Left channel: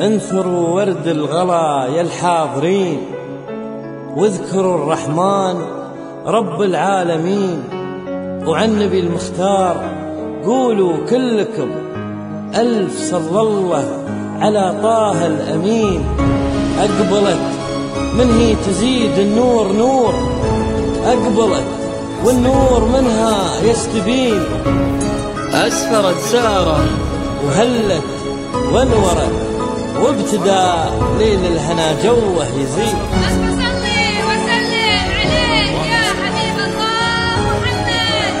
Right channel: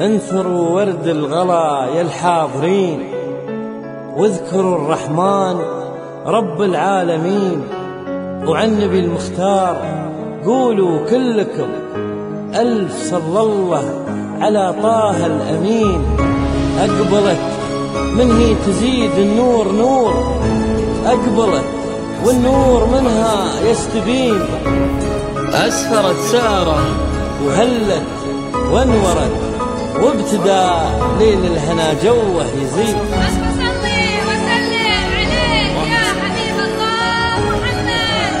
انثروا ورد الغلا يا الحاضرين، واذكروا الرحمن رب العالمين، وعن النبي المختار قولوا كلكم ألف صلى الله على طه الأمين. أقبلت من هي تزيد النور نور، أقبلت والنور منها يستبين، أسفرت سارة وهلت وانورت، وابتدى ليل الهنا جوه يزيد. صلي وسلم عليك يا حبيب الله محمد.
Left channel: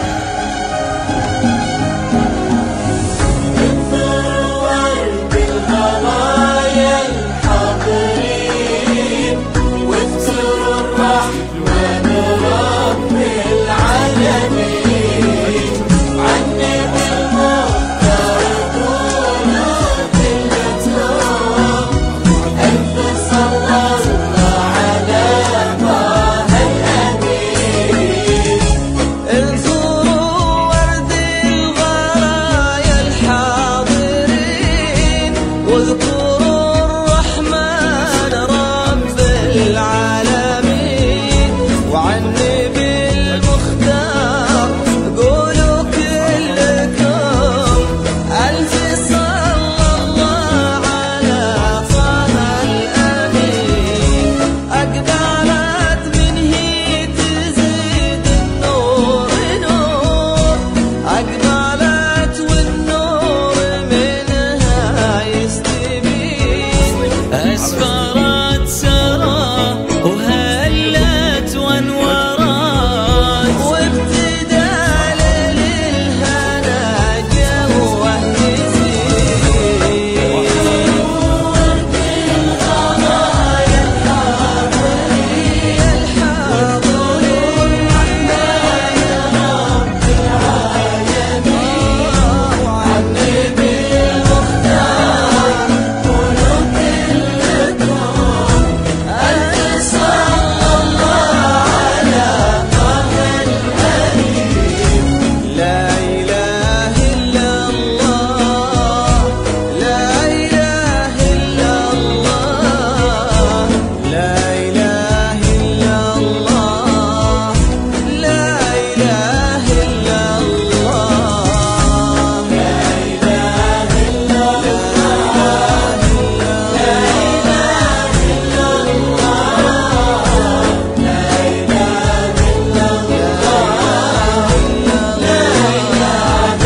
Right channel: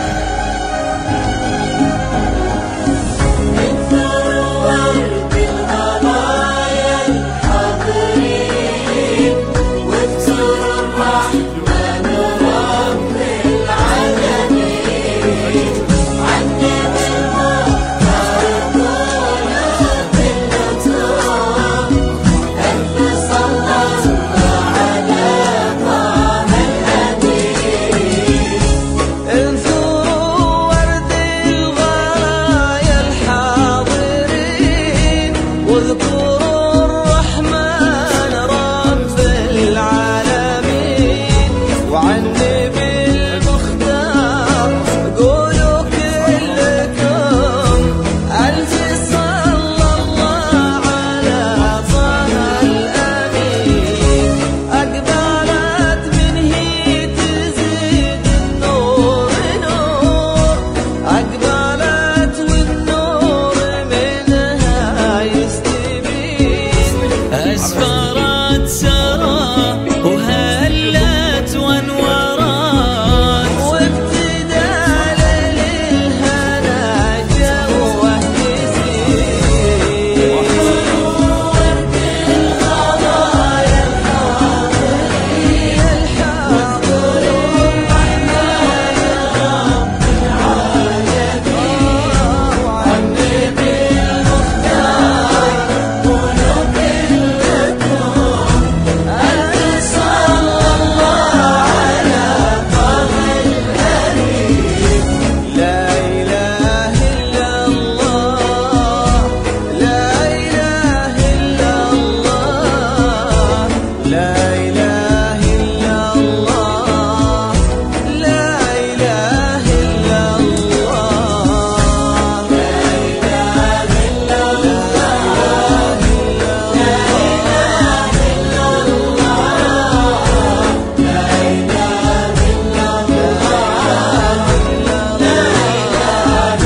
واذكروا الرحمن رب العالمين، وعن النبي المختار قولوا كلكم ألف صلى الله على طه الأمين. أقبلت من هي تزيد النور نور، أقبلت والنور منها يستبين. أسفرت سارة وهلت وانورت، وابتدى ليل الهنا جوه يزيد. يا الحاضرين وعن النبي المختار ألف صلى الله على لا إله إلا الله، لا إله إلا الله، لا إله إلا الله، لا إله إلا الله، لا إله إلا الله، لا إله إلا الله.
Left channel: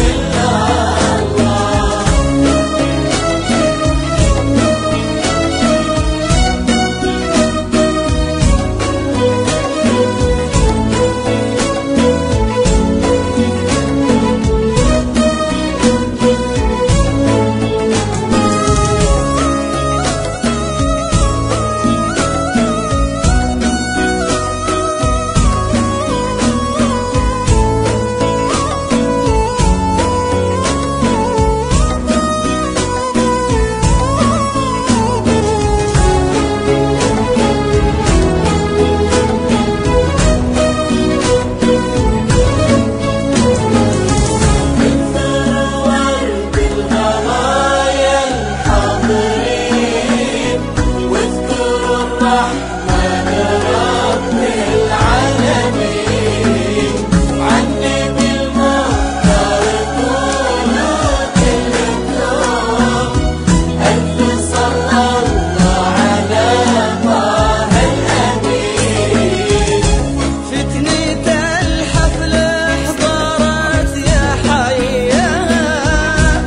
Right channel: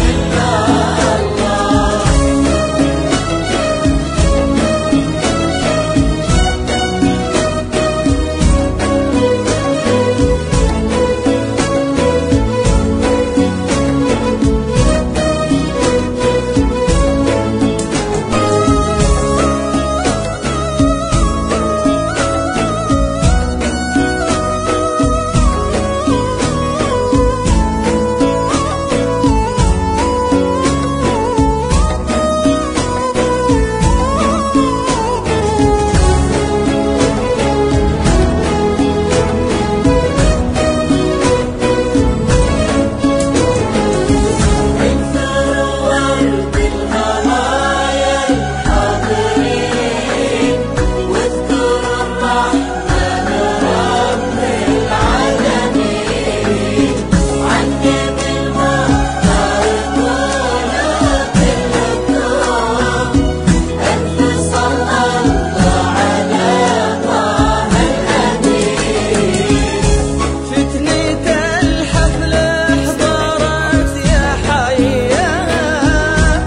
فتنة الحفل احضرت يا حيها،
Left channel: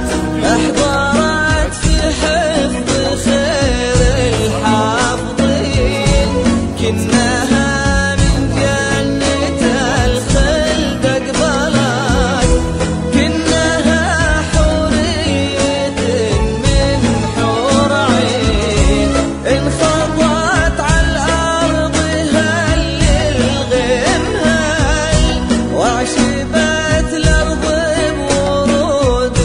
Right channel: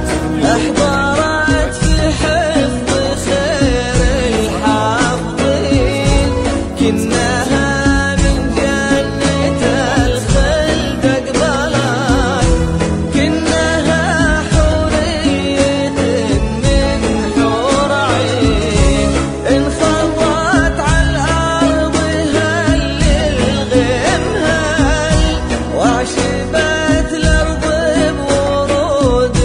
احضرت في حفظ خير الحافظين، كنها من جنة الخلد اقبلت، كنها حورية من حور عين، انخطت على الأرض هل الغمهل، وعشبت الأرض بورود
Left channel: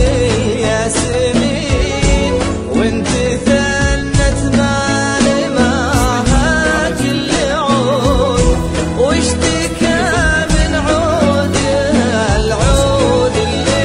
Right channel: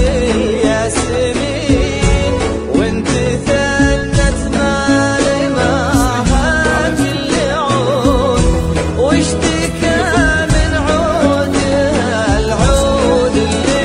الياسمين، وانت ثنت مال معها كل عود، واشتكى من عودها العود اللي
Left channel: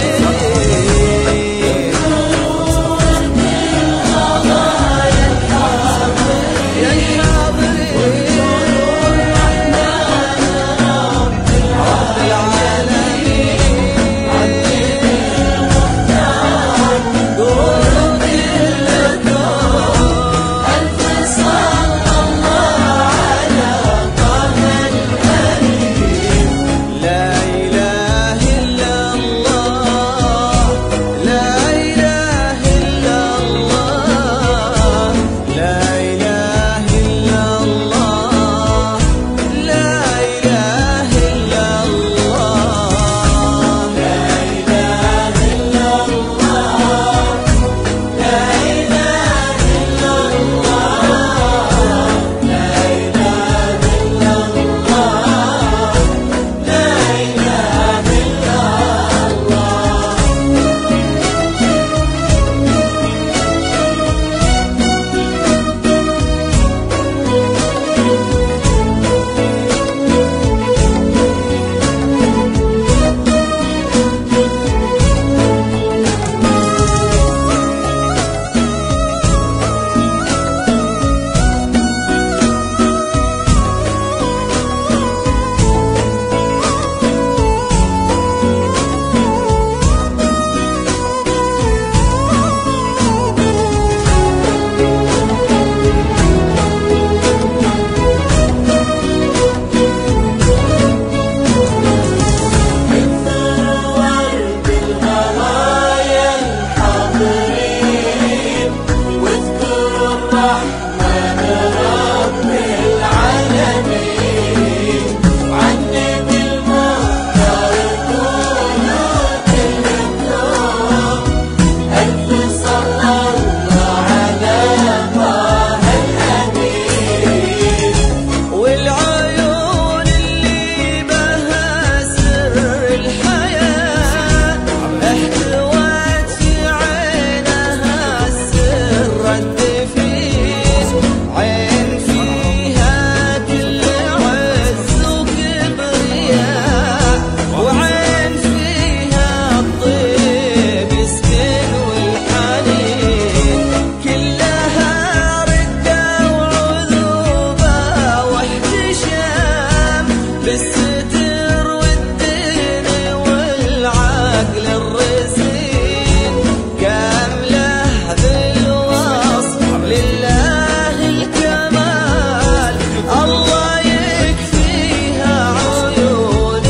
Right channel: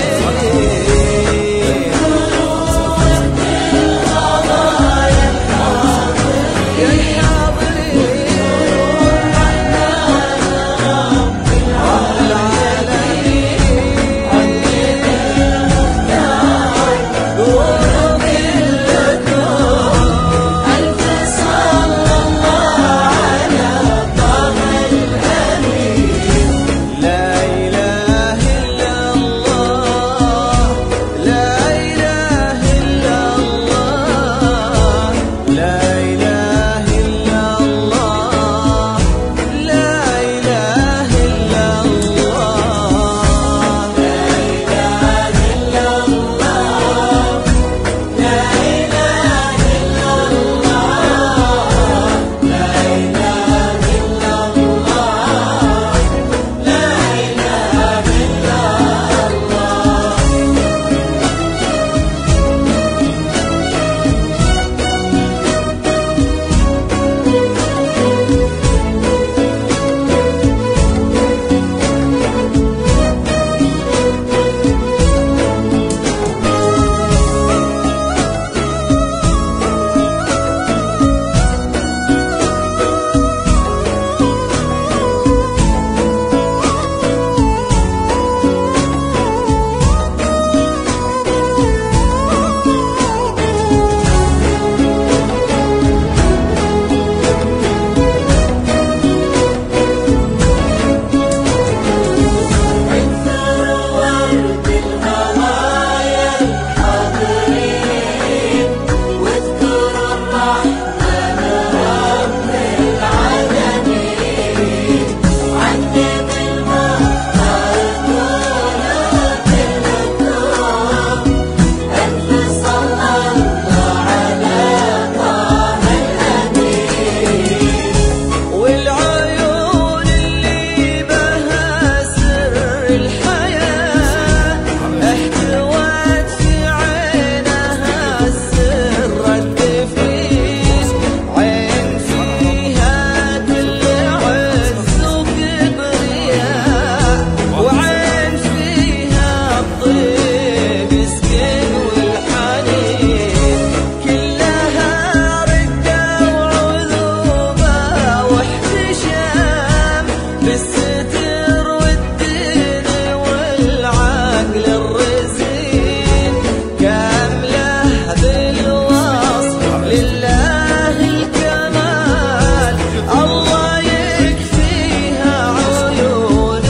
الستر والدين والعقل الرزين، كامله بالوصف لله الكمال، الله يكفيها عيون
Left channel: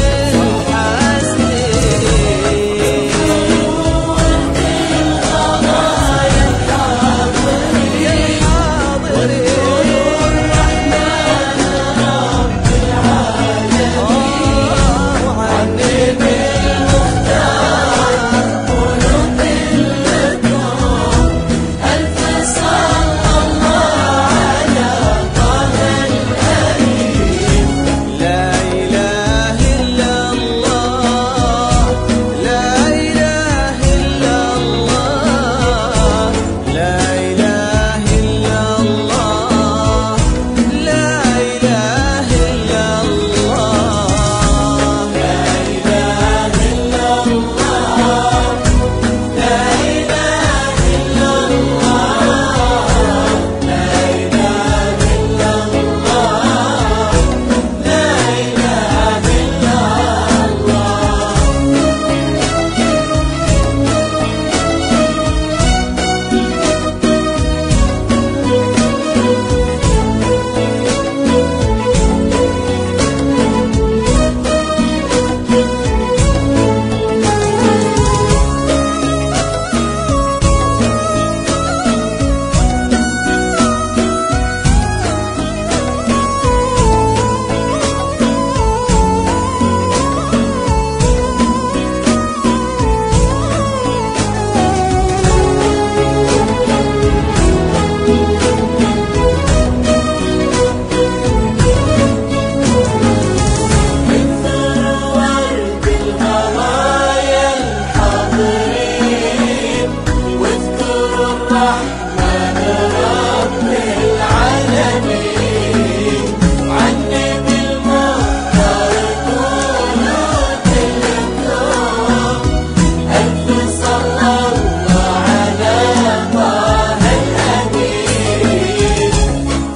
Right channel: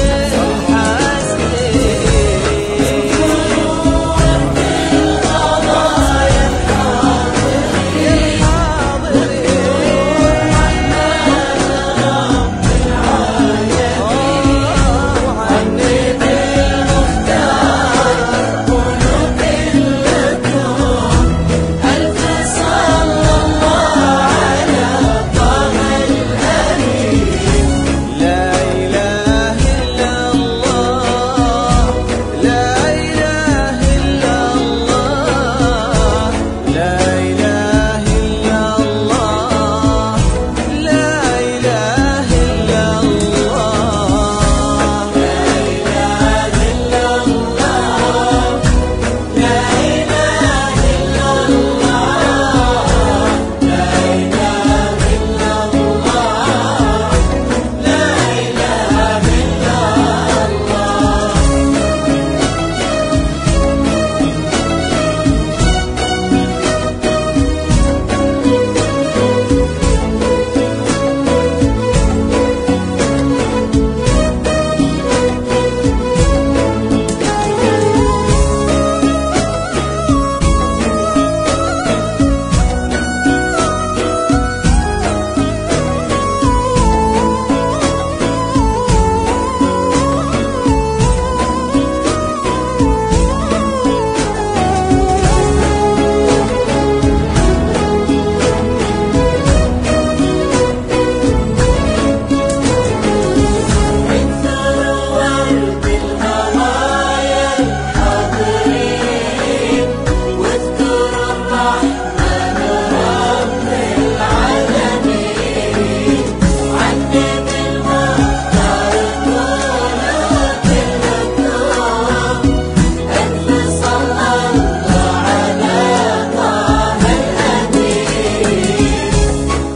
الحاسدين. يا الحاضرين وعني بالمختار، لا إله إلا الله، لا إله إلا الله، لا إله إلا الله، لا إله إلا الله.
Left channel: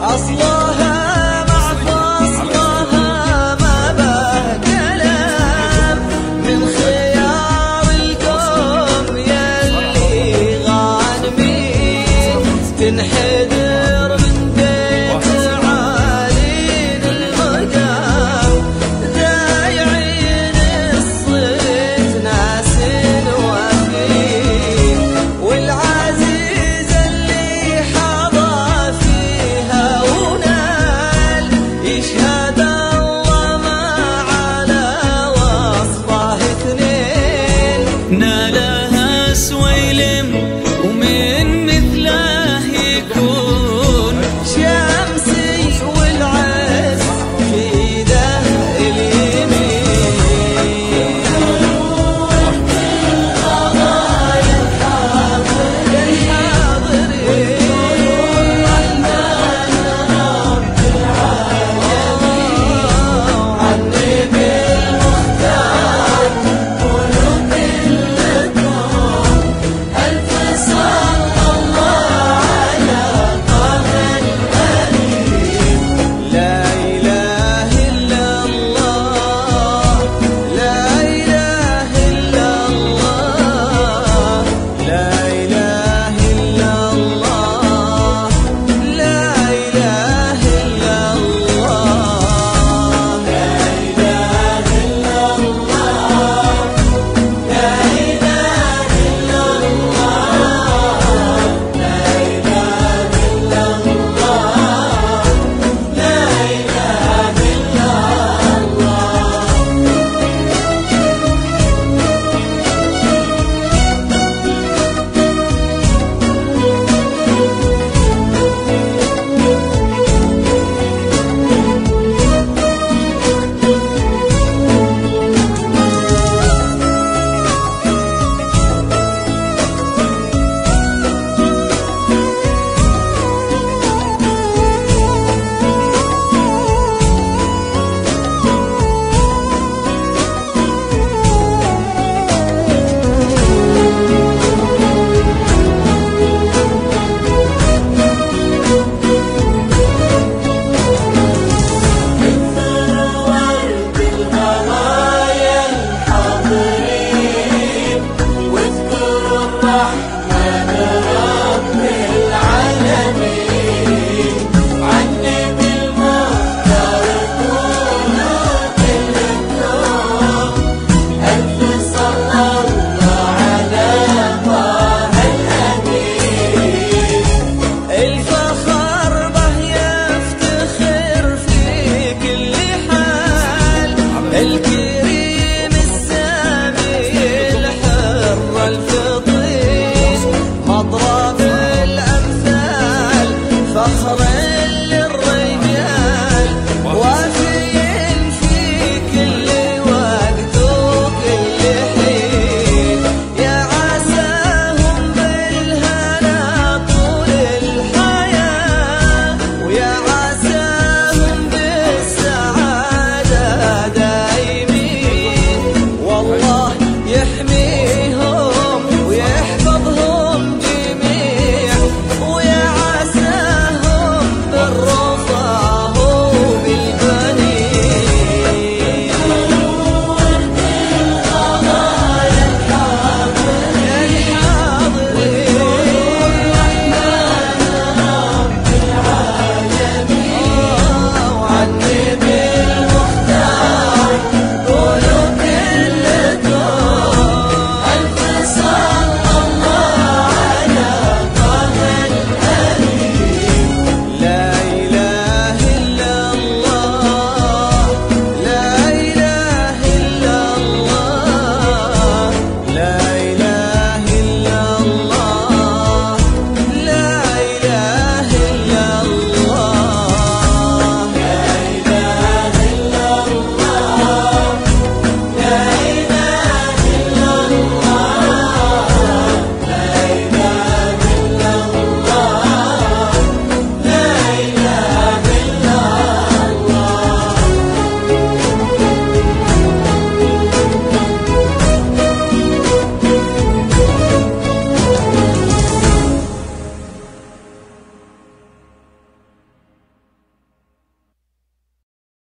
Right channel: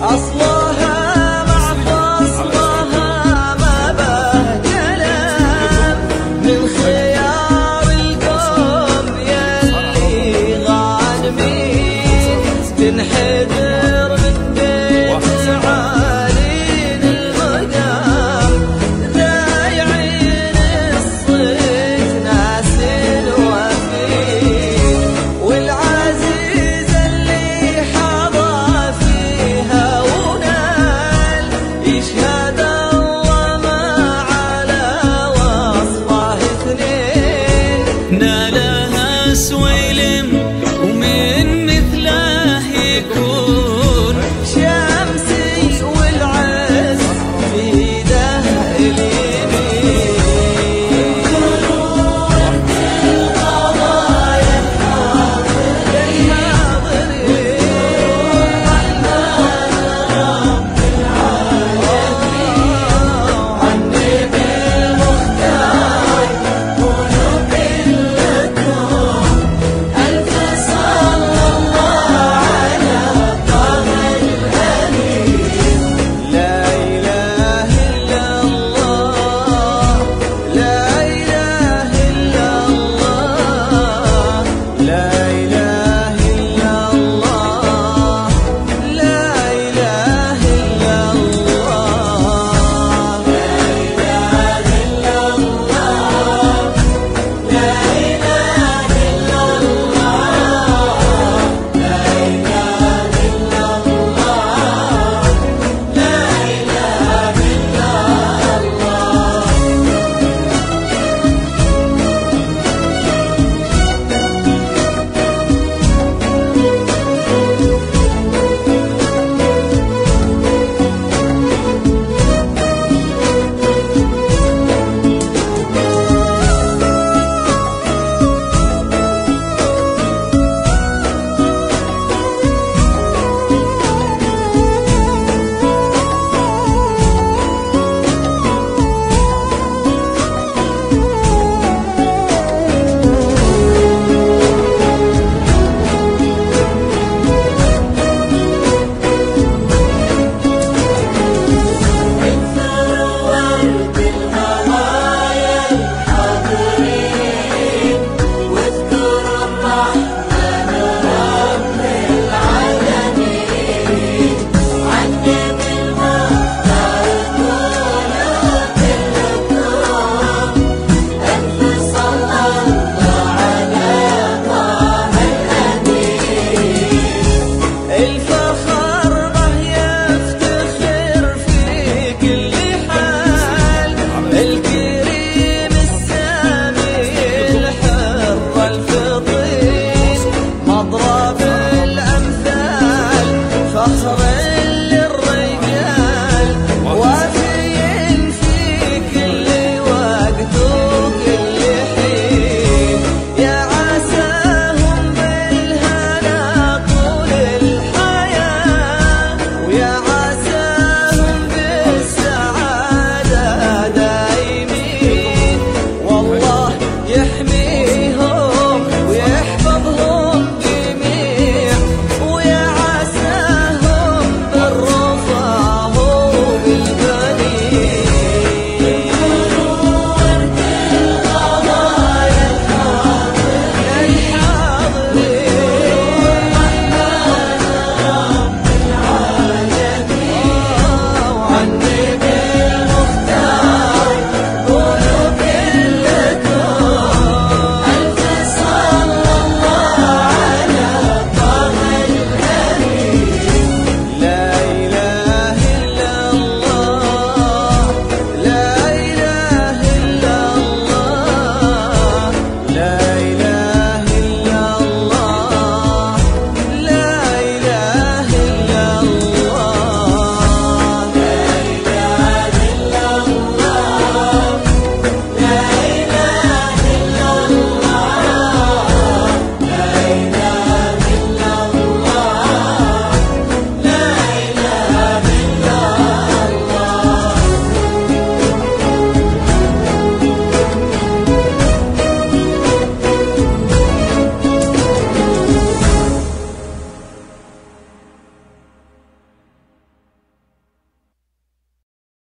أصلها مع فصلها ما به كلام، من خيار القوم يلي غانمين، تنحدر من بيت عالين المقام، ذايعين الصيت ناس وفين، والعزيز اللي حظى فيها ونال، يشهد الله ما على وصفه اثنين، نالها سويلم ومن مثله يكون شمسي والعز في ده اليمين. يا الحاضرين وعني بالمختار، الكريم السامي الحر الفطين مضرب الأمثال فخر للرجال